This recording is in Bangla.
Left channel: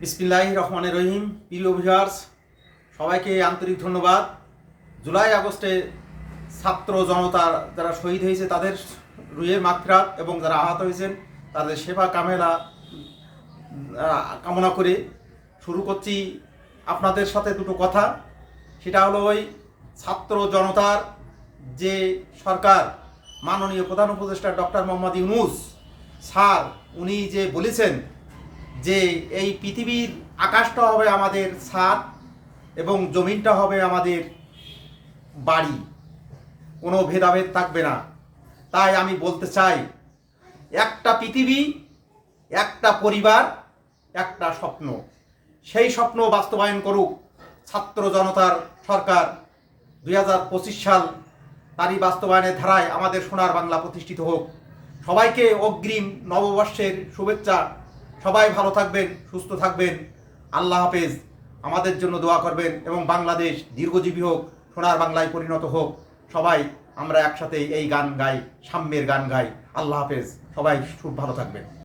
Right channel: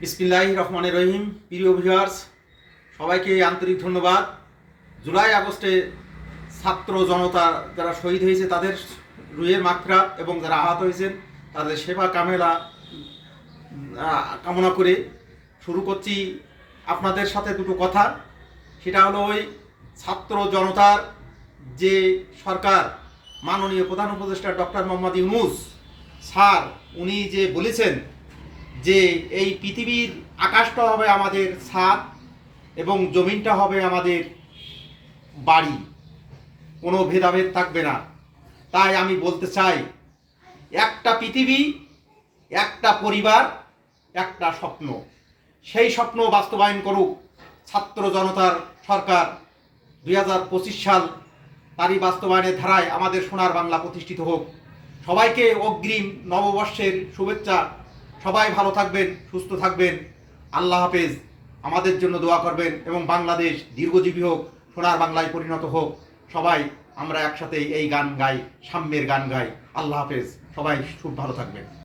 বিসমিল্লাহির রহমানির রহিম। প্রিয় ভিউয়ার্স, সবাইকে আন্তরিক ধন্যবাদ। জুলাই আগস্টে ছাত্র জনতা যারা শহীদ হয়েছে তাদের রুহের মাগফিরাত এবং যারা আহত হয়েছেন তাদের সেবা কামনা করে শুরু করছি আপনাদের সাথে দুটো কথা। সেটা হলো ওই ছাত্র জনতার যে সরকার, মাননীয় প্রধান উপদেষ্টা ডক্টর মোহাম্মদ ইউনূস স্যার, উনি যে বলেছেন যে এই পৃথিবীর আকাশটা হবে আমাদের ছাদ এবং জমিনটা হবে আমাদের বাড়ি, কোনো ভেদাভেদ থাকবে না। তাই আমি বলতে চাই, একটা পৃথিবী, একটা পরিবার, একটা স্বপ্ন। সেই স্বপ্ন বাস্তবায়ন করুক ছাত্র জনতার সরকার। 2025 সাল তারই বাস্তবায়নের ধারায় আমাদের সোনার বাংলা প্রতিষ্ঠিত হোক। সবাইকে অগ্রিম নববর্ষের শুভেচ্ছা। সবাই ভালো থাকবেন, সুস্থ থাকবেন। আল্লাহ হাফেজ। আমাদের জন্য দোয়া করবেন এবং বাংলাদেশ দীর্ঘজীবী হোক, সোনার বাংলায় পরিণত হোক। সবাই আমরা একসাথে এই গান গাই, সাম্যের গান গাই। আল্লাহ হাফেজ। সবাই খুব ভালো থাকবেন।